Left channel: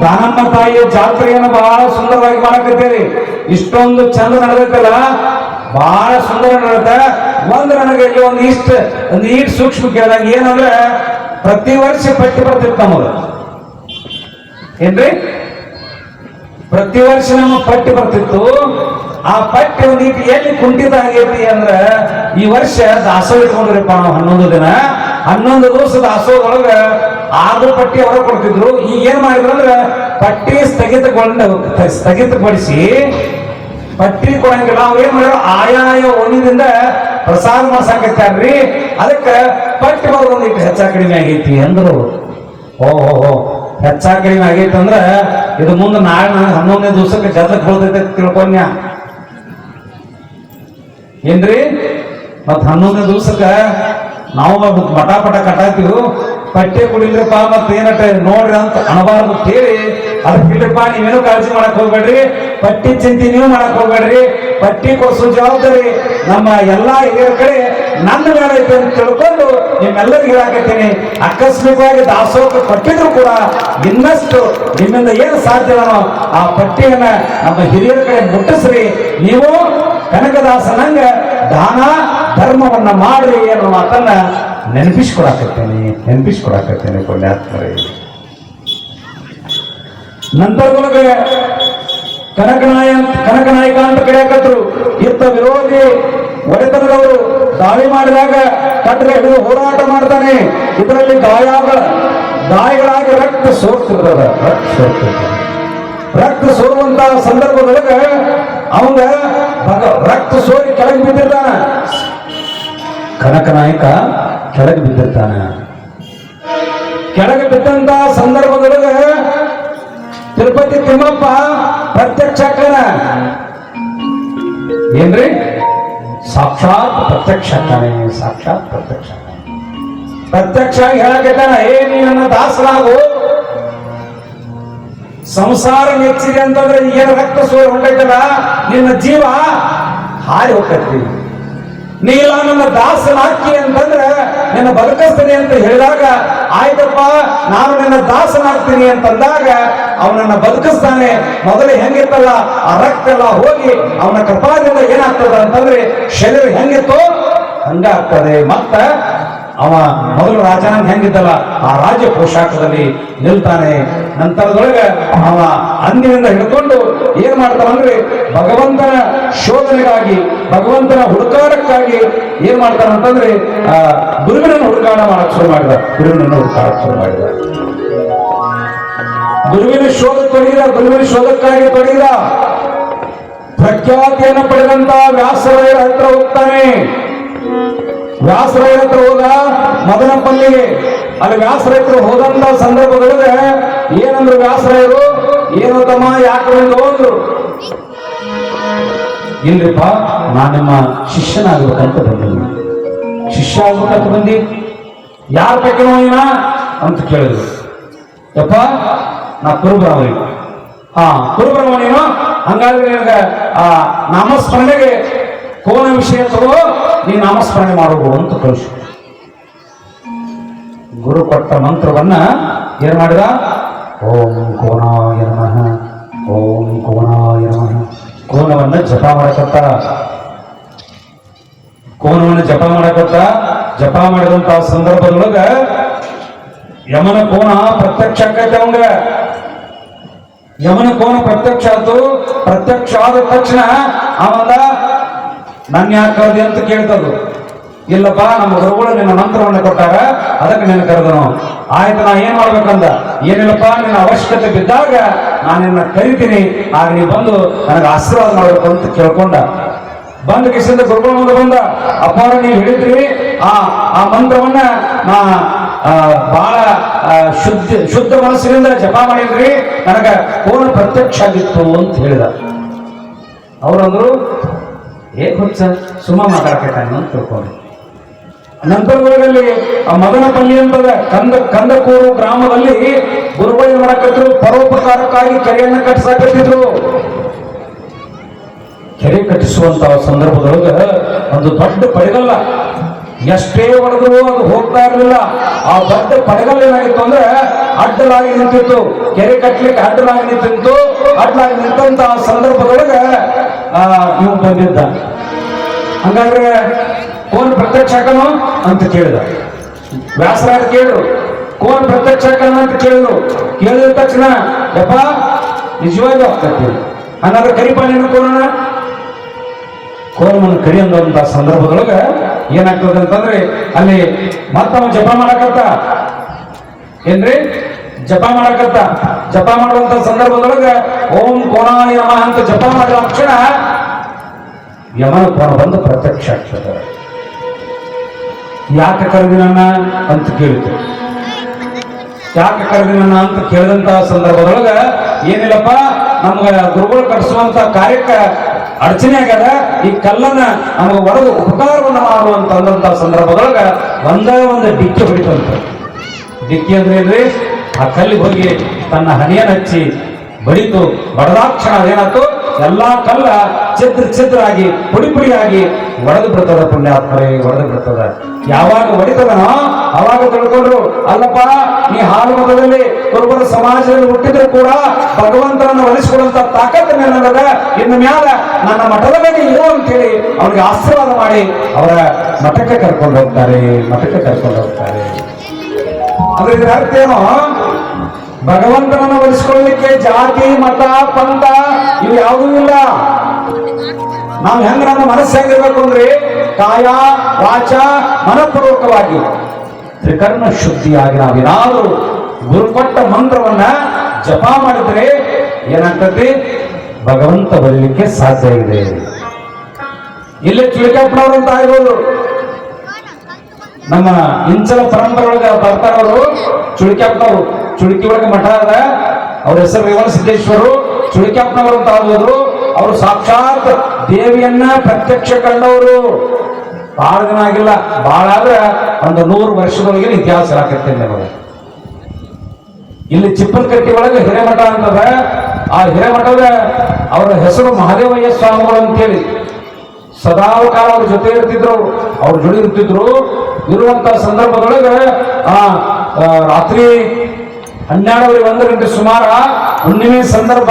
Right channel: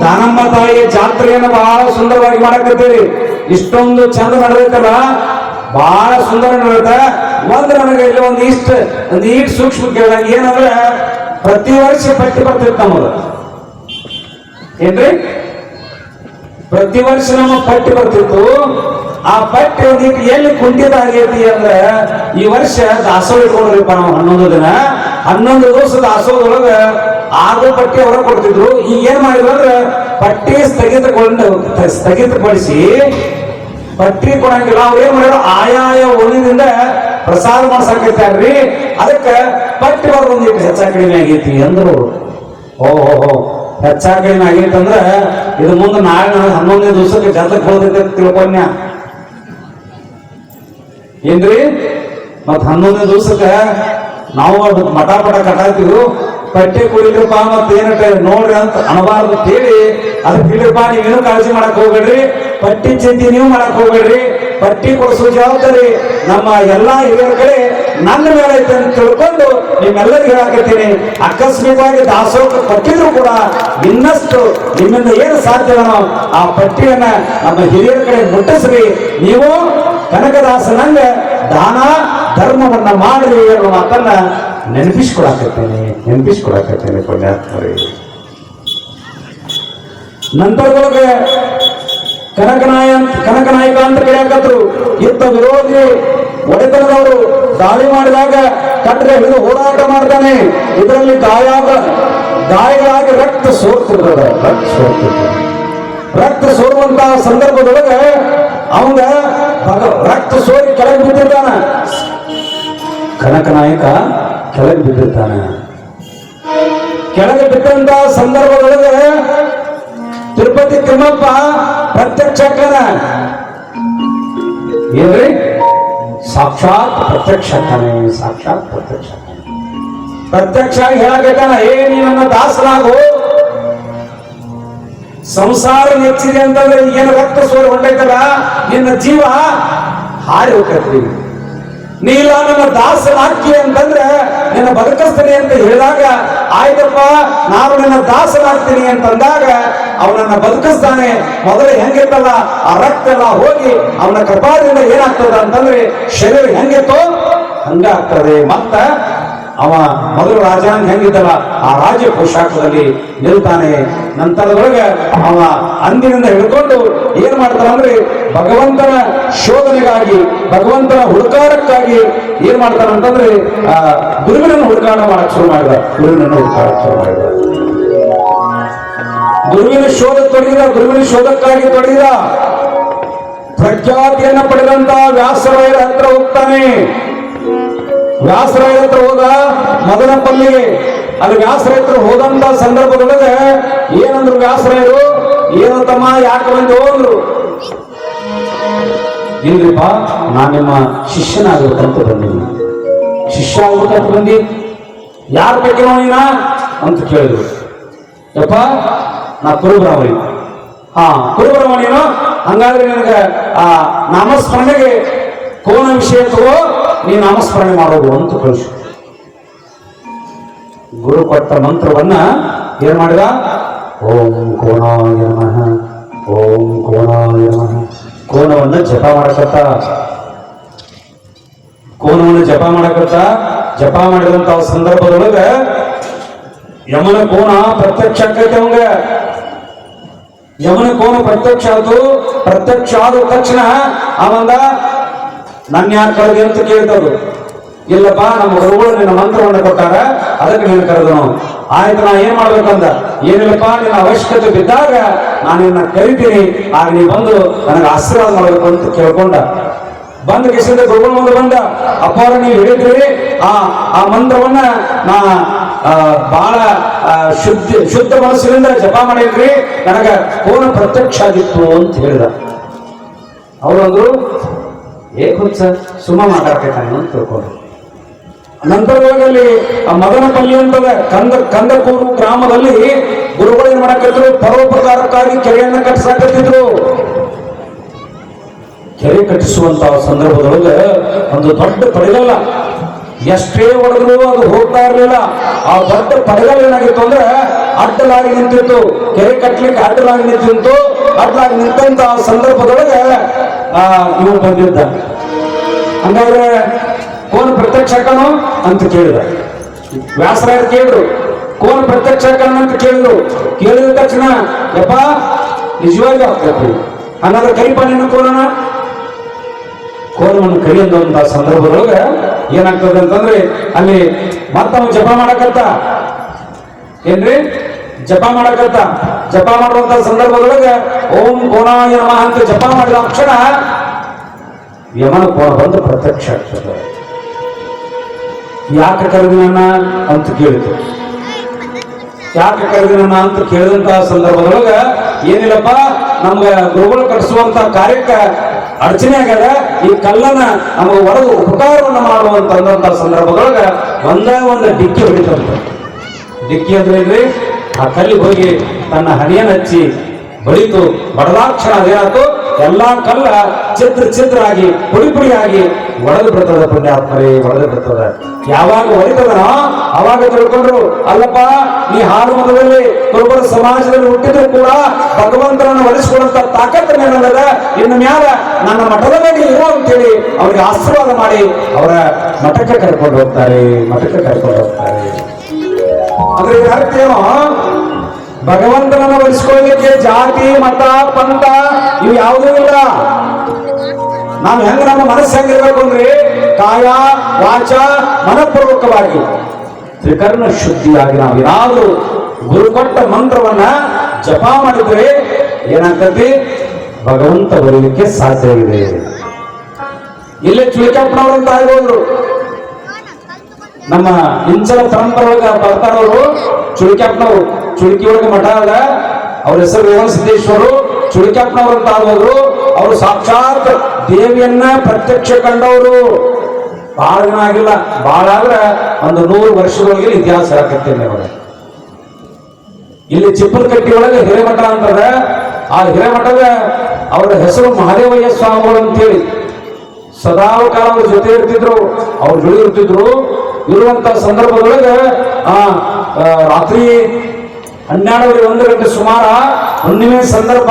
ದಾನಮ್ಮ ತಾಯಿಯ ಜಾತ್ರೆಯನ್ನು ಬಹಳ ಸುಂದರವಾಗಿ ಮಾಡಕತ್ತೀರಿ. ಇಷ್ಟೊಂದು ಚಂದ ನಡೆದೈತಲ್ಲ? ಬಹಳ ಸುಂದರ ನಡೆದ. ಒಂದು ನನಗೆ ಇಲ್ಲಿ ಒಂದು ಇಷ್ಟ, ಒಂದು ಈಟ್ ಸೂಕ್ಷ್ಮ ಕೇಳಿದಾಗ ಏನಂದ್ರೆ, ಪ್ರತಿ ವರ್ಷ ಪಟ್ಟಿ ಬರ್ತಿತ್ತು ನಮಗೆ ಏನ್ರಿ? ಪ್ರತಿ ವರ್ಷ ನಮ್ಮ ಪಟ್ಟಿ ಬರ್ತಿತ್ತು. ಆ ಪಟ್ಟಿ ಒಂದೀಟ್ ಎಲ್ಲಿ ಕುಂಠಿತ ಆಗೈತಿ ಅಂದ್ರೆ, ಈ ವರ್ಷ ದಾಸೋಹ ಇಟ್ಕೊಂಡಿರಪ್ಪ ನಾವು ಹನ್ನೊಂದು ದಿನ. ಹನ್ನೊಂದು ದಿವಸ ದಾಸೋಹದೊಳಗ ಆರು ಪಟ್ಟಿ ಅವರ ಕೊಡ್ತಿದ್ರು. ಈಗ ಏನ್ ಮಾಡಿದ್ರು ಅಂದ್ರೆ ಪಟ್ಟಿ ಸ್ಥಗಿತಗೊಂಡು ಸ್ಥಗಿತಗೊಳಿಸಿ ಪಟ್ಟಿ ಕೊಡಂಗಿಲ್ಲ. ಅವ್ರು ಏನ್ ಮಾಡಿದ್ರು? ಆಯಾಯ ಓಣಿದಿಂದ ಪ್ರಸಾದ ಮಾಡ್ಸಾಕತ್ತಾರ್ರಿ. ಅದಕ್ಕೆ ಪಟ್ಟಿ ಬರೋದು ಒಂದಿಟ್ಟು ಹೆಚ್ಚಾ ಕಡಿಮೆ ಆಗೈತಿ ಅಂದ್ರು. ಓಹೋ ಹೆಚ್ಚ ಕಡಿಮೆ ಆಗೈತಿ ಅಂದ್ರೆ ಇದು ಮುಂದೆ ನಾಳೆ ಹನ್ನೊಂದನೇ ದಿವಸಕ್ಕೆ ಜಾತಕ ಬರ್ತೈತೆ ತಿಳ್ಕೊನ್ಯ ಏನ್ರಿ? ಮತ್ ಹನ್ನೊಂದನೇ ದಿವಸಕ್ಕ ನಾವು ಮಠ ಪಟ ಕಟ್ಟಾತೀವಿ ಪಟ್ಟೆ ಕುಡಿಲ್ರಪ್ಪ ಮತ್ ಏನಟ ನೋಡ್ರಿ ಅಂತ ಅಣಬಾರ್ದು ಅಂತ ಹೇಳಿ ಅದು ಬಿಡ್ರಪ್ಪ ನೀವೇನು ಕಾಳಜಿ ಮಾಡಕ್ ಹೋಗ್ಬೇಡ್ರಿ. ಪಟ್ಟಿ ಚಿಂತೆ ನೀವು ಮಾಡಕ್ ಹೋಗ್ಬೇಡ್ರಿ. ಪಟ್ಟಿ ಕೊಡಿಸೋ ಜವಾಬ್ದಾರಿ ನಮ್ಮ ಎಲ್ಲಾ ಹಿರಿಯರ ಕಡೆ ನನ್ನ ಮೇಲೆ ಐತೆ ಅಂತ ತಿಳ್ಕೊಂಡು ನಿಮ್ಮೆಲ್ಲರಿಗೂ ಹೇಳಕತ್ತೀನಿ. ಅಕಸ್ಮಿಕವಾಗಿ ದಾಸೋಹ ಕೊಟ್ಟಿದ್ರು ಕೂಡ ಇನ್ನಷ್ಟು ನಿಮ್ಮಿಂದ ಏನು ಸಾಧ್ಯ ನಾವು ಆ ಪಟ್ಟಿಯನ್ನ ನಮ್ಮ ಹಿರಿಯರ ಕಡೆ ಮುಟ್ಟಿಸ್ರಿ. ನೀವು ಕನಕದಾಸನಂಗ ದಾನ, ಧರ್ಮವನ್ನ ಮಾಡ್ರಿ ಅನ್ನೋ ಮಾತನ್ನ ನೆನಪಿಸ್ಕೊಡಕತ್ತೇನೆ ನೆನಪಿಸ್ಕೊಡಕತ್ತೇನೆ ಪುಣ್ಯಾತ್ಮರಿ. ನಂತರದೊಳಗೆ ಕನಕನಾಯ ಕನಕನಾಯಕ ಅಂತ ಕರೆಯಕತ್ರು ಇತ್ತ ವಿರೋಧಿ ಒಡೆತನದವರು ದಾಳಿ ಮಾಡಿದಾಗ ಕಟ್ಟರೆ ಹಿಡಿದು ಹೋರಾಟ ಮಾಡ್ತಾನೆ. ಇದರಲ್ಲಿ ಗಾಯ ಗಾಯಗಳಾಗಿ ರಕ್ತ ಸೋರ್ತಿರ್ತದ, ರಕ್ತ ಸೋರ್ತಿರ್ತದೆ. ರಕ್ತ ಸೋರುವಂತಹ ಸಂದರ್ಭದೊಳಗೆ ಅವಂಗ ರಕ್ತ ಸೋರಿ ಕೆಳಗೆ ಬಿದ್ದಿರ್ತಾನ ಕನಕನಾಯಕ ಕೆಳಗೆ ಬಿದ್ದಿರ್ತಾನೆ. ಕೆಳಗೆ ಬಿದ್ದಂತ ಸಂದರ್ಭದೊಳಗೆ ತಿರುಪತಿ ತಿಮ್ಮಪ್ಪ ಪ್ರತ್ಯಕ್ಷ ಕಣ ಏನ್ರಿ? ಸಾಕ್ಷಾತ್ ಪ್ರತ್ಯಕ್ಷ ಅಕ್ಕನೆ, ಸಾಕ್ಷಾತ್ ಪ್ರತ್ಯಕ್ಷ ಪ್ರತ್ಯಕ್ಷ ಹೇಳಕತ್ತಾನ, ಏ ನೀವನ್ನ ದಾಸರಾಗು. ಸಂಸಾರ ನೆಚ್ಚಿದೆ ಅಂತಂದ್ರೆ ಏನು ರಕ್ತ ಸೋರಿ ಹೊಂಟೈತಲ್ಲ, ನಿನ್ನ ಜೀವ ಹಾರಿ ಹೋಗ್ತೈತಿ ನೀಲ ನನ್ನ ಅಂತಂದ್ರೆ ನಿನ್ನ ಬದುಕಿಸ್ತೇನೆ ಅಂತ ಹೇಳಿದಾಗ, ಆಯ್ತಪ್ಪ, ನಾನು ನಿನ್ನ ದಾಸ ಮಾಡ್ತೀನಿ ಅಂತಂದಾಗ ಅವನನ್ನ ಬದುಕಿಸ್ತಾನೆ. ಮೊದಲೇ ಹೆಂಗಿತ್ತಲ್ಲ, ಆ ರಕ್ತ ಎಲ್ಲ ಹೋಗಿ ಅವನ ಕೃಪಾದಿಂದ ಏನಾಗ್ತದ ಅಂತಂದ್ರೆ, ಶರೀರ ಹೆಂಗಿತ್ತು ಹಂಗಾಗ್ತದೆ ಮತ್ತ ಅವ ಮೊದಲು ರಾಜನ ಹೆಂಗಿದ್ದಲ್ಲ, ಆ ರಾಜ್ಯ ಪೋಷಾಕದಲ್ಲಿ ನಿಲ್ತಾನೆ. ನಂತರದೊಳಗ ಅವ ಅಂದಿನಿಂದ ಹಿಡ್ಕೊಂಡು ಏನ್ ಮಾಡ್ತಾನಂದ್ರೆ ಭಗವಂತನ ಶೋಧನೆಗಾಗಿ, ಭಗವಂತನ ಹುಡುಕಾಟಕ್ಕಾಗಿ ಏನ್ ಮಾಡ್ತಾನ ಅಂತಂದ್ರೆ, ಆ ದುರ್ವಿನ ಹುಡುಕಾಟ ಮಾಡಕ್ ಶುರು ಮಾಡಿದ ಗುರುವಿನನ್ನು ಹುಡುಕಾಡಕ್ ಶುರು ಮಾಡಿದ ಗುರುವಿನ ಶೋಧ ತೊಡಗಿದ ಗುರುವಿನ ಶೋಧಕ್ಕಾಗಿ ತೊಡಗಿದ ಪ್ರಖ್ಯಾತಿಯನ್ನು ಪಡೆದಂತ ವ್ಯಾಸರಾಯರ ಹತ್ರ ಹೋಗ್ತಾನೆ. ವ್ಯಾಸರಾಯರ ಹತ್ರ ಹೋದ ಮದನಪಲ್ಲಿಗೆ ಅಲ್ಲಿ ವ್ಯಾಸರ ಹತ್ರ ಹೋದಂತ ಸಂದರ್ಭದೊಳಗೆ ಏನಂದ್ರು ವ್ಯಾಸರಾಯರು ಏನು ತಮ್ಮ ಯಾಕೆ ಬಂದು ಹೋಗ್ರು ಇಲ್ರಿಪ್ಪ, ನಾನು ನಿಮ್ಮ ಶಿಷ್ಯನಾಗಬೇಕಂತ ಬಂದಿದ್ದೀನಿ. ಶಿಷ್ಯ ಹೋಗ್ಬೇಕಂತ ಬಂದಿ? ಯಾರು ಬಗ್ಗೆ ನೀನ? ಅಂತ ಕೇಳಿದ್ರು. ಯಪ್ಪ, ನಾ ಕುರುಬ್ರಾವಳಿ ಹಾ ಕುರುಬ್ರಾವ ನೀನು? ಹಂಗಾದ್ರೆ ನನಗೆ, ಆ, ನಾಮಸ್ಮರಣೆಗೆ ಕೋನ ವಿಷಯ ತಗೋ ನೀ ನಾಮಸ್ಮರಣೆ ಮಾಡೋದು ಅಂತ ಕಳಿಸು. ಗುರು ಕೊಟ್ಟ ಮಂತ್ರವನ್ನ ಏನ್ ಮಾಡಿದ? ಓಂ ಕೋನಾಯ ನಮಃ. ಓಂ ಕೋನಾಯ ನಮಃ. ಕೋನವನ್ನ ಜಪ ಮಾಡಕತ್ತ. ಕೋಣವನ್ನು ಜಪ ಮಾಡಕತ್ತ. ಜಪ ಮಾಡಿದಂತ ಸಂದರ್ಭದೊಳಗ ಯಮನ ಕೋಣ ಪ್ರತ್ಯಕ್ಷ ಆಕೈತೆ ಯಮನ ಕೋನ ಪ್ರತ್ಯಕ್ಷ ಆಯ್ತು. ಪ್ರತ್ಯಕ್ಷ ಆದ ತಕ್ಷಣ ಅವಂದ ನನ್ನ ಯಾಕೆ ಕರೆದಿ? ಅಂತ ಕೇಳ್ತದು. ಇಲ್ಲಪ್ಪ, ನಮ್ಮ ಗುರುಗಳು ನಿನ್ನ ಮಂತ್ರವನ್ನು ಕೊಟ್ಟಾರ. ಅದಕ್ಕೆ ನಿನ್ನ ಕರೆದನು. ಆಯ್ತು ನಾ ಏನ್ ಮಾಡ್ಬೇಕಂದ? ಏನಿಲ್ಲಪ್ಪ, ನಿನ್ನ ಅವಶ್ಯಕತೆ ಬಿದ್ದಾಗ ನಾನು ನಿನ್ನ ಕರಿತೀನಿ. ಆಗ ನೀ ಬಂದು ನನಗೆ ಆಶೀರ್ವಾದ ಮಾಡಬೇಕು ಅಂತ ಕೇಳ್ಕೊಂಡ. ಬಂದ ಕಿಸಿಂದ ಮುಂದೆ ಬಂದ ಅಪಾರ ನೀವು ಹಿಡಿದ್ರಿ. ಆ ಆ ಮಂತ್ರವನ್ನ ನಾ ಬಹಳ ಶುದ್ಧ ಶುದ್ಧ ಮನಸ್ಸಿನಿಂದ ಜಪ ಮಾಡಿದ್ರಿ. ನನಗ ಪೂರ್ಣ ಪ್ರತ್ಯಕ್ಷ ಆಗಿತ್ತು ಅಂತ ಹೇಳಿದ. ಅವರಂದ್ರು, ಏ ಸುಮ್ಮ ಮಾತಾಡ್ತೇನೆ ಅಂತ ತಿಳ್ಕೊಂಡು ನಂತರದಲ್ಲಿ ಮದನಪಲ್ಲಿ ಅಂತದ ಕಂದ, ಕಂದಕೂರು ಗ್ರಾಮದಲ್ಲಿ ಗುರುಗಳು ಏನ್ ಪರೋಪಕಾರಕ್ಕಾಗಿ ಕೆರೆಯನ್ನ ಕಟ್ಟಿಸಕತ್ತಿದ್ರು ಕೆರೆ ಕಟ್ಟಿಸುವಂತ ಸಂದರ್ಭದೊಳಗೆ ಒಂದು ದೊಡ್ಡ ಪಡೆಗಲ್ಲ. ಎಷ್ಟೇ ಹೊಡೆದ್ರು ಅದು ಹೋಗ್ತಾ ಇರಲಿಲ್ಲ. ಆ ದೊಡ್ಡ ಪಡೆಗಲ್ ಏನಾಗಿತ್ತು ಅಂದ್ರೆ ಅಡ್ಡಲಾಗಿ ನಿಂತಿತ್ತು. ಕೆರೆ ಕಟ್ಟಲಿಕ್ಕೆ ಅಡ್ಡಲಾಗಿ ನಿಂತಿತ್ತು. ಅಡ್ಡಲಾಗಿ ನಿಂತಂತ ಸಂದರ್ಭದೊಳಗ ಇವ್ ಬಂದಿದ್ದ. ಹಂಗಾದ್ರೆ ಕೋನ್ ಪ್ರತ್ಯಕ್ಷ ಆಕನು ಅಂತ ಕೇಳಿದ. ವ್ಯಾಸರಾಜ ಕೇಳಿದ್ರು ಕೋನ್ ಪ್ರತ್ಯಕ್ಷ ಆಕನು ಅಂತ ಕೇಳಿದ್ರು. ಕೇಳಿದ ತಕ್ಷಣ, ಯಪ್ಪ, ನಿಜವಾಗಿ ಆಗ್ತದೆ ಹಂಗಾದ್ರೆ ಕರಿಪ ನೀನು ಕೋನನ ಕೋಲವನ್ನು ಕರಿಯಂತ ಸಂದರ್ಭದೊಳಗ ಏನಾಗ್ತದೆ ಅಂತಂದ್ರೆ, ಅಲ್ಲಿ ಮತ್ತವ ಜಪ ಮಾಡಕತ್ತ. ಏನ್ರಿ? ಜಪ ಮಾಡಕತ್ತ. ಜಪ ಮಾಡುವಂತ ಸಂದರ್ಭದೊಳಗ, ಓಂ ಕೋನ ಅಂತ ಜಪ ಮಾಡಿದ ಕ್ಷಣ ಯಮನ ಕೋಣ ಬಂದು ಪ್ರತ್ಯಕ್ಷ ಆಗ್ತದೆ. ಯಾಕೆ ಕರೆದಿನ ಅಂತ ಕೇಳಿತು ಯಾಕೆ ಕರೆದಿನ ಅಂತ ಕೇಳಿದಂತ ಸಂದರ್ಭದೊಳಗ ಏನಿಲ್ಲಪ್ಪ, ನಮ್ಗೆ ಗುರುಗಳು ಕಟ್ಟಿಸುವಂತ ಕಾರ್ಯಕ್ಕೆ ಅಡಚಣೆ ಆಗ್ಯದ, ಈ ಕಲ್ಲನ್ನ ನಮಗೆ ಒಡೆದು ಉಪಕಾರವನ್ನ ಮಾಡುವಂತ ಅಂದಂತ ಸಂದರ್ಭದೊಳಗ ಒಂದೇ ಒಂದು ಡಿಕ್ಕಿ ಹೊಡಿತಂತ ಡಿಕ್ಕಿ ಅಂದ್ರೆ ಏನ್ರಿ? ಆ ಕಲ್ಲಿಗೆ ಹೋಗಿ ತನ್ನ ಹಣಿಯನ್ನು ಹಚ್ಚಿ ಬಡಿತು, ಬಡದಾಕ್ಷಣ ಏನಾಯ್ತು ಎಲ್ಲಾ ಕಲ್ಲ ಚಿತ್ರ ಆಗಿ ಪುಡಿ ಪುಡಿಯಾಗಿ ಒಡೆದು ಬಿಡ್ತದ ಪುಣ್ಯಾತ್ಮರೇ, ಒಡೆದು ಬಿಡ್ತದ. ಯಾವಾಗ ಒಡಿತದನ ಅವಾಗ ತಿಳ್ಕೊಂಡ್ರು, ಅಲ್ಲಪ್ಪ, ಈ ಹಾನುಮತದಲ್ಲಿ ಕೊಬ್ಬರ ಸಮಾಜದಲ್ಲಿ ಹುಟ್ಟಿದ್ರು ಕೂಡ ಭಗವಂತನನ್ನು ಒಲಿಸಿಕೊಳ್ಳುವಂತ ತಾಕತ್ತ ನನ್ನದ ಇನ್ನು ಮ್ಯಾಲ ನನ್ನ ಮಠದ ಮೇಲೆ ಇರು ಅಂತೇಳಿ ಅವ್ರಿಗೆ ಆಶೀರ್ವಾದ ಮಾಡಿ ಅವರ ಮಠಕ್ಕೆ ಕರ್ಕೊಂಡು ಹೋಗ್ತಾರೆ, ಮಠಕ್ಕೆ ಕರ್ಕೊಂಡು ಹೋಗ್ತಾರೆ. ಅಂದ್ರೆ ಅರ್ಥ ಏನು? ಭಗವಂತನನ್ನು ಒಲಿಸ್ಕೊಳ್ಳಲಿಕ್ಕೆ ಜಾತಿ, ಮತ, ಪಂಥ ಇವು ಯಾವುದೂ ಇಲ್ಲ. ನಾವು ಹೆಂಗ ನನ್ನ ಮನಸ್ಸು ಹೆಂಗಿರ್ಬೇಕು ಅಂದ್ರೆ ಕಾಯ, ವಾಚ, ಮನಪೂರ್ವಕವಾಗಿ. ತ್ರಿಕರ್ಣ ಶುದ್ಧಿಯಾಗಿ ನಾವೇನಾದರೂ ಗುರು ಕೊಟ್ಟ ಮಂತ್ರವನ್ನ ಜಪ ಮಾಡಿದ್ರೆ ಏನಾಗ್ತದೆ ಭಗವಂತ ಬರಲಿಕ್ಕೆ ಸಾಧ್ಯ ಇದೆ ಇಲ್ಲೇ ಚಿಲಕಪ್ಪನವರು ಅಂತ ಆಗ್ಬೋದು. ನಮ್ಮ ಇಂಚಲ ಪರಂಪರೆ ಒಳಗ ಬರ್ತಾರವರು ಚುಳಿಕ್ಯಾಪ್ನವರು ಚುಳಿಕಿ ಒಳಗೆ ಮಠ ಅದ. ಅವ್ರ ಹೆಸರು ರೇವಣ ಸಿದ್ದೇಶ್ವರು. ಚುಳಿಕ್ಯಾಪ್ನವರು ಅಂತ ಆದವರು ಅವರು ಸಾಕ್ಷಾತ್ ದೇವಿಯನ್ನ ಪ್ರತ್ಯಕ್ಷ ಕಂಡವರು. ಬಹಳ ದಿನ ಆಗಿಲ್ಲ. ಬಹಳ ಆದ್ರೆ ಒಂದು ನೂರು ವರ್ಷದೊಳಗೆ ಇತಿಹಾಸ ಆಗತ್ತೆ ಇಲ್ಲಿ ಚಿಪ್ಪಲಕಟ್ಟಿ ಒಳಗೆ ಹಿರೇಮಠ ಅಂತದ. ಆ ಹಿರೇಮಠದ ಅವರ ಹೆಸರು ಮಹದೇವಯ್ಯ ಸ್ವಾಮಿಗಳು ಅಂತೇಳಿ. ಸದಾ ಕಾಲ ಅವ್ರ ಜೊತೆ ಇರ್ತಿದ್ರು. ಅವ್ರ ಜೊತೆ ಇರ್ತಿದ್ರು. ಇರುವಂತ ಸಂದರ್ಭದೊಳಗೆ ರಾತ್ರಿ ಹನ್ನೆರಡೂವರೆ ಒಂದು ಗಂಟೆ ಸುಮಾರ ಹುಣ್ಣಿಮೆ ಸಂದರ್ಭ,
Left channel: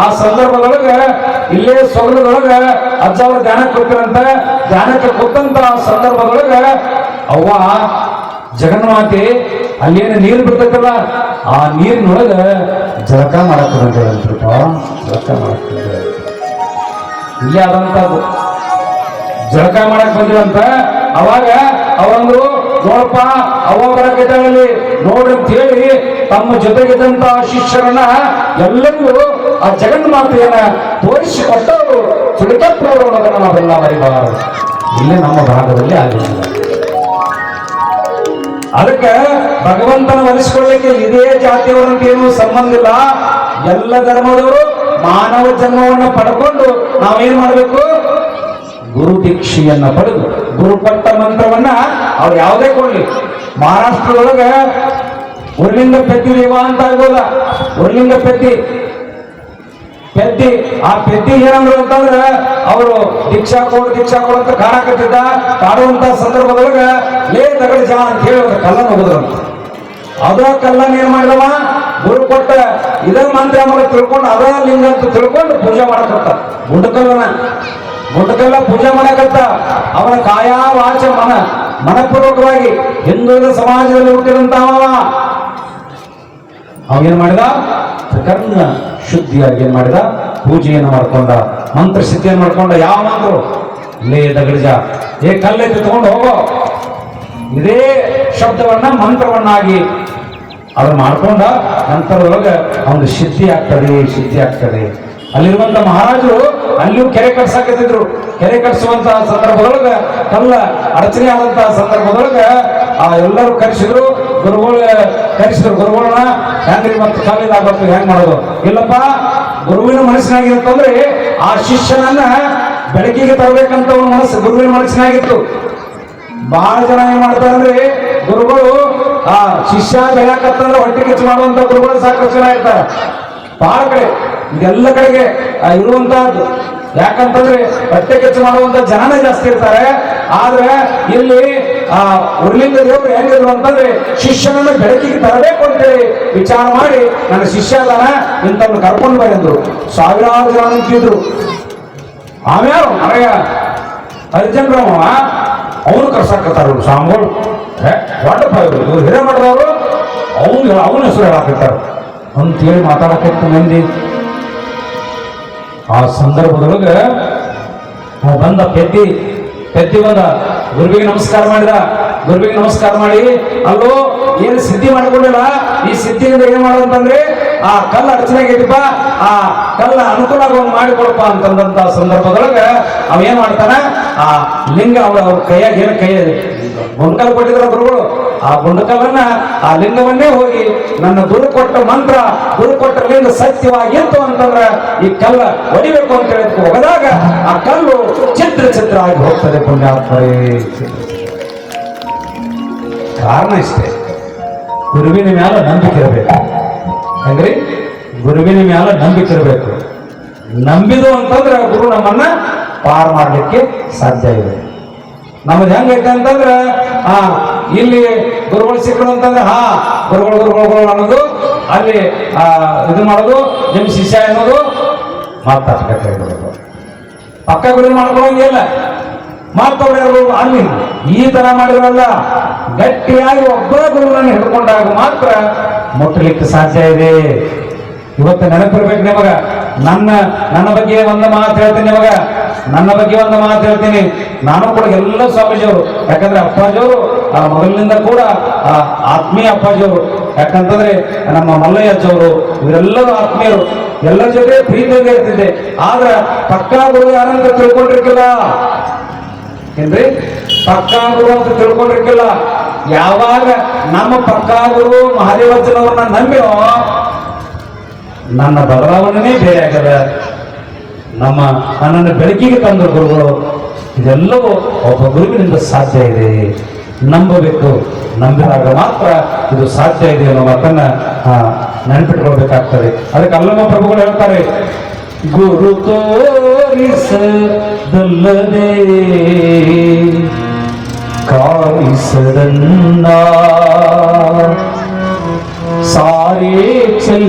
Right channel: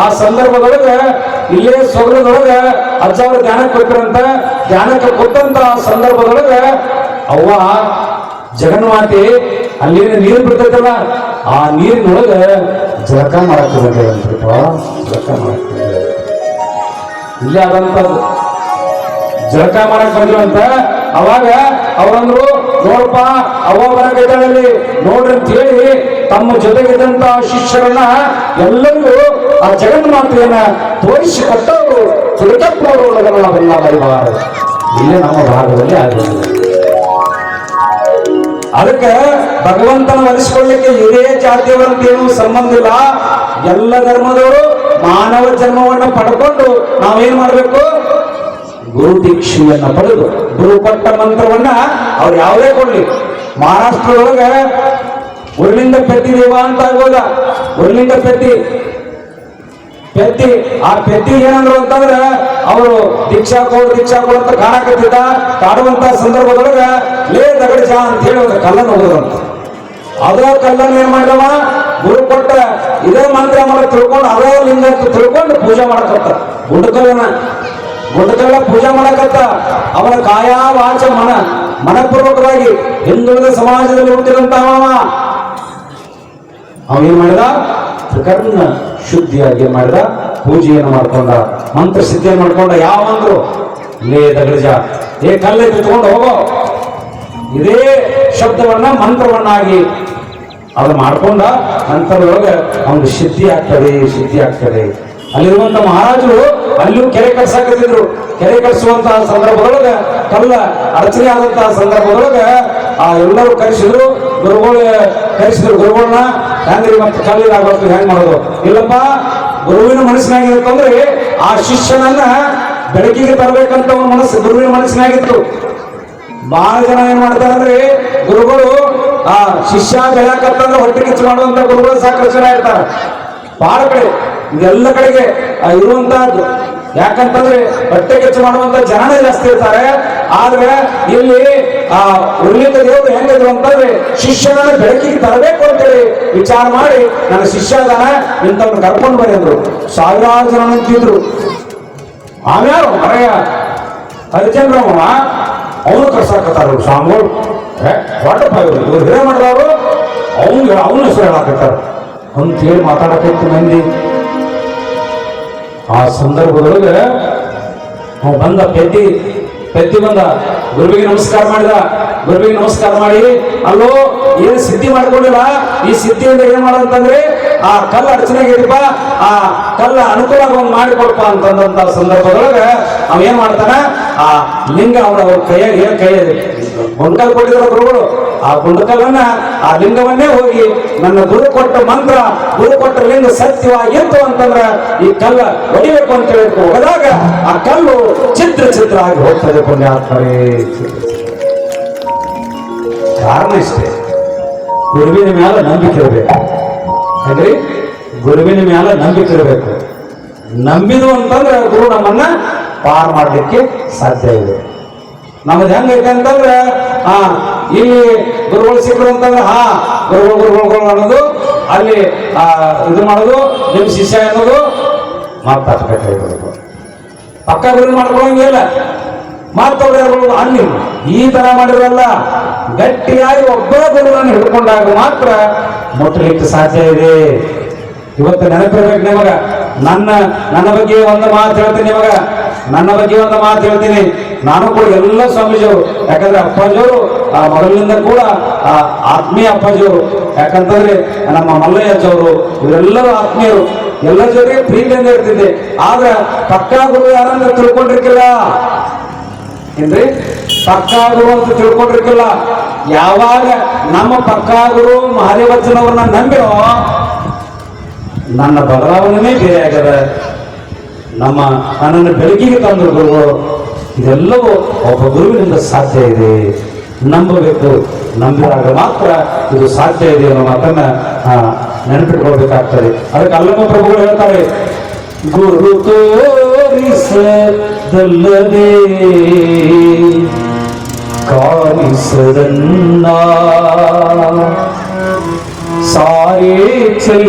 ಆ ಸಂದರ್ಭದೊಳಗೆ ಇಲ್ಲೇ ಸೊಗಲದೊಳಗೆ ಅಜ್ಜ ಅವ್ರ ಧ್ಯಾನಕ್ಕೆ ಕೊಟ್ಟಿರಂತ ಧ್ಯಾನಕ್ಕೆ ಕೊಟ್ಟಂತ ಸಂದರ್ಭದೊಳಗೆ ಅವ್ವ, ಜಗನ್ಮಾತೆ, ಅಲ್ಲೇನು ನೀರು ಬಿಡ್ತೈತಲ್ಲ, ಆ ನೀರಿನೊಳಗೆ ಜಳಕ ಮಾಡಕ್ಕೆ ಜಳಕ ಮಾಡಕ್ಕೆ ಇಲ್ಲೇ ಆದಂತ ಜಳಕ ಮಾಡಕ್ ಬಂದಿವಂತ ಅವಾಗ ಅವರಂದ್ರು ನೋಡಪ್ಪ, ಅವರ ಗದಲ್ಲಿ ನೋಡ್ರಿ ಅಂತ ತಮ್ಮ ಜೊತೆಗಿದ್ದಂತ ಶಿಷ್ಯರನ್ನ ಎಲ್ಲರಿಗೂ ಆ ಜಗನ್ಮಾತೆಯನ್ನ ತೋರಿಸಿ ಕೊಟ್ಟವರು. ಚುರುಕಪ್ಪವರು ಬರಬಾರದು ನಾವೆಲ್ಲ ಮರಿಬಾರದು. ಇಲ್ಲೇ ನಮ್ಮ ಭಾಗದಲ್ಲಿ ಆಗಿಲ್ಲ ಅದಕ್ಕೆ ಭಗವಂತನ ಒಲಿಸಿಕೊಳ್ಳಿಕ್ಕೆ ಇದೇ ಜಾತಿಯವರಂತ ಏನು ಸಂಬಂಧ ಇಲ್ಲ. ಎಲ್ಲ ಧರ್ಮದವರು ಮಾನವ ಜನ್ಮವನ್ನು ಪಡ್ಕೊಂಡು ನಾವೇನ್ ಮಾಡಬೇಕು? ಗುರು ದೀಕ್ಷೆಯನ್ನು ಪಡೆದು ಗುರುಪಟ್ಟ ಮಂತ್ರ ಅವ್ರು ಯಾವುದೇ ಕೊಡ್ಲಿ. ಮಹಾರಾಷ್ಟ್ರದೊಳಗೆ ಉರ್ಲಿಂದ ಪೆತ್ತಿ ದೇವ ಅಂತ ಆಗ್ಬೋದ? ಉರ್ಲಿಂದ ಪೆತ್ತಿ ಪೆತ್ತಿ ಆ ಪೆತ್ತಿ ಏನಂದ್ರು ಅಂತಂದ್ರ ಅವರು ದೀಕ್ಷಾ ಕೊಡ್ ದೀಕ್ಷಾ ಕೊಡ್ ಅಂತ ಕಾಣಕತ್ತಿದ್ದ ಕಾಡುವಂತ ಸಂದರ್ಭದೊಳಗ ಲೇ ದಗಡಜ ಅಂತ ಹೇಳಿ ಒಂದು ಕಲ್ಲನ್ನು ಹೊಡೆದ್ರಂತ ಅದೋ ಕಲ್ಲನ್ನು ಏನ್ ಮಾಡಿದವ? ಗುರು ಕೊಟ್ಟ ಇದೇ ಮಂತ್ರ ಮನ ತಿಳ್ಕೊಂಡು ಅದೋ ಲಿಂಗ ತಿಳ್ಕೊಂಡು ಪೂಜೆ ಮಾಡಕತ್ತ. ಗುಡ್ಡಕಲ್ಲನ. ಗುಡ್ಡಕಲ್ಲ ಪೂಜೆ ಮಾಡಕತ್ತ. ಅವನ ಕಾಯ ವಾಚ ಮನ. ಮನಪೂರ್ವಕವಾಗಿ ಹಿಂದುಳಿದ ಸಮಾಜದಲ್ಲಿ ಹುಟ್ಟಿದಂತವ ಅವೇನ್ ಮಾಡಿದ? ತ್ರಿಕರ್ಣ ಶುದ್ಧಿಯಾಗಿ ಏನ್ ಮಾಡಿದ? ಪೂಜೆಯನ್ನು ಮಾಡ್ಕೊಂಡ ಮಂತ್ರ ಸಿದ್ಧಿಯನ್ನು ಮಾಡ್ಕೊಂಡ ಯಾವ ಅಂದ್ರು ಲೇ ದಗಡಿಜ, ಏ ಕಲ್ಲೆ ತಗೊಂಡು ಹೋಗೋ. ಇದೇ ಶಬ್ದವನ್ನ ಮಂತ್ರವನ್ನಾಗಿ ಅದು ಮಾಡ್ಕೊಂಡ ಅಂತದೊಳಗೆ ಒಂದು ಸಿದ್ಧಿ ಆಗ್ತದೆ ಸಿದ್ಧಿ ಆಗ್ತದೆ. ಅಲ್ಲಿರುವಂತ ಮಹಾರಾಜರು ಅಲ್ಲಿಯೂ ಕೆರೆ ಕಟ್ಸಾಕತ್ತಿದ್ರು. ಕೆರೆ ಕಟ್ಸುವಂತಹ ಸಂದರ್ಭದೊಳಗ, ಕಲ್ಲ ಅಡಚಣೆ ಆದಂತಹ ಸಂದರ್ಭದೊಳಗ ಆ ಎಲ್ಲರೂ ಕರೆಸಿದ್ರು, ಗುರುಗಳ ಕರೆಸಿದ್ರು, ಗುರುಗಳನ್ನ ಹೆಂಗ್ರಿ ಮತ್ತೆ ಆಗ್ಬೇಕು ಹೆಂಗ್ ಮಾಡೋದು? ಇಲ್ಲಪ್ಪ, ಗುರುವಿನ ಮನಸ್ಸಿನಾಗ ಅಂತಂದ್ರೆ ಆ ಶಿಷ್ಯನನ್ನ ಬೆಳಕಿಗೆ ತರಬೇಕಂತ ಒಂದು ಮನಸ್ಸು ಗುರುವಿನ ಮನಸ್ಸಿನಾಗಿತ್ತು. ಬಹಳ ಜನ ಏನ್ ಮಾಡ್ತಾರೆ ಅಂದ್ರೆ, ಗುರುಗಳು ಆ ಶಿಷ್ಯ ಬೆಳಕತ್ತಂದ್ರೆ ಹೊಟ್ಟೆ ಕಿಚ್ಚು ಮಾಡುವಂತ ಗುರುಗಳು ಸಾಕಷ್ಟು ಜನ ಇರ್ತಾರೆ. ಬಹಳ ಕಡೆ. ಇದೆಲ್ಲ ಕಡೆಗೆ ಇರುವಂತಹದ್ದು. ಯಾಕಂತಂದ್ರೆ ಹೊಟ್ಟೆ ಕೆಚ್ಚು ಮಾಡುವಂತ ಜನನೇ ಜಾಸ್ತಿ ಇರ್ತಾರೆ. ಆದ್ರೆ ಇಲ್ಲಿ, ಆ ಉರ್ಲಿಂದ ದೇವರು ಹೆಂಗಿದ್ರು ಅಂತಂದ್ರೆ ಶಿಷ್ಯನನ್ನ ಬೆಳಕಿಗೆ ತರಬೇಕು ಅಂತೇಳಿ ವಿಚಾರ ಮಾಡಿ ನನ್ನ ಶಿಷ್ಯ ಅದನ ಇಂತನ್ನು ಕರ್ಕೊಂಡು ಬಂದಿದ್ರು ಸಾವಿರಾರು ಜನ ನಿಂತಿದ್ರು. ಆಮ್ಯಾರು ಮರೆಯ ಹರಿಚಂದ್ರಮ್ಮ ಅವನು ಕರ್ಸಾಕತ್ತಾರ ಸ್ವಾಮಿಗಳು ವಾಟರ್ ಇವ್ರು. ಹಿರೇಮಠದವರು ಅವನು ಅವನು ಹೆಸರು ಹೇಳಾಕತ್ತಾರ ಅಂತೇಳಿ ಮಾತಾಡಕತ್ತು ಮಂದಿ. ಆ ಸಂದರ್ಭದೊಳಗ ಬಂದ ಪೆದ್ದಿ ಪೆದ್ದಿ ಬಂದ, ಗುರುವಿಗೆ ನಮಸ್ಕಾರ ಮಾಡಿದ, ಗುರುವಿಗೆ ನಮಸ್ಕಾರ ಮಾಡಿ, ಅಲ್ಲೋ, ಏನು ಸಿದ್ಧಿ ಮಾಡ್ಕೊಂಡಿಲ್ಲ? ಈ ಸಿದ್ಧಿಯಿಂದ ಏನ್ ಮಾಡೋದಂತಂದ್ರೆ ಆ ಕಲ್ಲು ಅಡಚಣೆಗಿದಪ್ಪ ಆ ಕಲ್ಲ ಅನುಕೂಲ ಒಂದು ಮಾಡಿಕೊಡ್ಪ ಅಂತಂದಂತ ಸಂದರ್ಭದೊಳಗ ಅವ ಏನ್ ಮಾಡ್ತಾನ ಆ ಲಿಂಗ ಅವ್ರ ಅವ್ರ ಕೈಯಾಗ ಏನ್ ಕೈ ಕಲ್ ಕೊಟ್ಟಿದ್ರ ಗುರುಗಳು. ಆ ಗುಂಡಕಲ್ಲನ್ನ ಆ ಲಿಂಗವನ್ನೇ ಹೋಗಿ ನನ್ನ ಗುರು ಕೊಟ್ಟ ಮಂತ್ರ, ಗುರು ಕೊಟ್ಟ ಲಿಂಗ ಸತ್ಯವಾಗಿತ್ತು ಅಂತಂದ್ರ ಈ ಕಲ್ಲ ಹೊಡಿಬೇಕು ಅಂತ ಹೇಳಿ ಹೋಗದಾಗ ಆ ಕಲ್ಲು ಚಿತ್ರ ಚಿತ್ರ ಆಗಿ ಹೋಗ್ತದೆ ಪುಣ್ಯಾತ್ಮರೇ. ಕಾರಣ ಇಷ್ಟೇ. ಗುರುವಿನ ಮ್ಯಾಲ ನಂಬಿಕೆ ಇರಬೇಕು. ಹಾಗ್ರಿ ಗುರುವಿನ ಮ್ಯಾಲ ನಂಬಿಕೆ ಇರಬೇಕು. ನಂಬಿದು ಅಂತಂದ್ರೆ ಗುರು ನಮ್ಮನ್ನ ಪಾರ್ ಮಾಡಲಿಕ್ಕೆ ಸಾಧ್ಯ ಇದೆ. ನಮ್ದು ಹೆಂಗೈತೆ ಅಂತಂದ್ರೆ, ಆ ಇಲ್ಲಿ ಗುರುಗಳು ಸಿಕ್ಕರು ಅಂತಂದ್ರೆ, ಹಾ, ಗುರುಗಳು ಗುರುಗಳು ಅನ್ನೋದು, ಅಲ್ಲಿ ಇದು ಮಾಡೋದು, ನಿಮ್ಮ ಶಿಷ್ಯ ಅನ್ನೋದು ಮಾತಾಡ್ಬೇಕಾಗಿರ್ಬೇಕು ಪಕ್ಕ ಗುರು ಮಾಡ್ಕೊಳ್ಳೋಂಗಿಲ್ಲ ಮಾತಾಡಿರ್ಬೋದು ಅಲ್ಲಿ. ಈ ತರ ಮಾಡಿರಲ್ಲ ಗಟ್ಟಿಯಾಗಿ ಒಬ್ಬ ಗುರುಗಳನ್ನು ಹಿಡ್ಕೊಂಡಾಗ ಮಾತ್ರ ಮುಟ್ಟಲಿಕ್ಕೆ ಸಾಧ್ಯ ಇದೆ. ಇವತ್ತು ನೆನಪಿರ್ಬೇಕು ನಿಮಗ. ನನ್ನ ನನ್ನ ಬಗ್ಗೆ ಒಂದು ಮಾತು ಹೇಳ್ತೀನಿ ನಿಮಗ. ನನ್ನ ಬಗ್ಗೆ ಒಂದು ಮಾತು ಹೇಳ್ತೀನಿ. ನಾನು ಕೂಡ ಎಲ್ಲ ಸ್ವಾಮೀಜಿಯವರು, ಯಾಕಂದ್ರೆ ಅಪ್ಪಾಜಿಯವರು ಮೊದಲಿನಿಂದ ಕೂಡ ಆತ್ಮೀಯ ಅಪ್ಪಾಜಿಯವರು, ಯಾಕಂತಂದ್ರೆ ನಮ್ಮ ಮಲ್ಲಯ್ಯ ಅಜ್ಜವರು ಇವರೆಲ್ಲರೂ ಆತ್ಮೀಯರು. ಎಲ್ಲ ಜೊತೆ ಪ್ರೀತಿಯಿಂದ ಇರ್ತಿದ್ದೆ. ಆದ್ರೆ ಪಕ್ಕ ಗುರು ಯಾರಂತ ತಿಳ್ಕೊಂಡಿರ್ಕಿಲ್ಲ ಏನ್ರಿ? ಪಕ್ಕ ಗುರು ಅಂತ ತಿಳ್ಕೊಂಡಿರ್ಕಿಲ್ಲ ಯಾವಾಗ ನಮ್ಮ ಪಕ್ಕಾ ಗುರು ಮಹಾದೇವಜ್ಜನವ್ರನ್ನ ನಂಬಿರೋ, ನನ್ನ ಬದಲಾವಣೆನೇ ಬೇರೆ ಆಗ್ಯದ. ನಮ್ಮ ನನ್ನನ್ನು ಬೆಳಕಿಗೆ ತಂದಿರ್ಬೋದು ಇದೆಲ್ಲವೂ ಒಬ್ಬ ಗುರುವಿನಿಂದ ಸಾಧ್ಯ ಇದೆ. ನಂಬಬೇಕು, ನಂಬಿದಾಗ ಮಾತ್ರ ಇದು ಸಾಧ್ಯ ಇದೆ ಅನ್ನೋ ಮಾತನ್ನು ನೆನಪಿಟ್ಕೊಳ್ಬೇಕಾಗ್ತದೆ. ಅದಕ್ಕೆ ಅಲ್ಲಮ್ಮ ಪ್ರಭುಗಳು ಹೇಳ್ತಾರೆ, ಗುರು ತೋರಿಸದಲ್ಲದೆ ಕಾಣಿಸದನ್ನ ಸಾರೇ ಚೆಲ್ಲ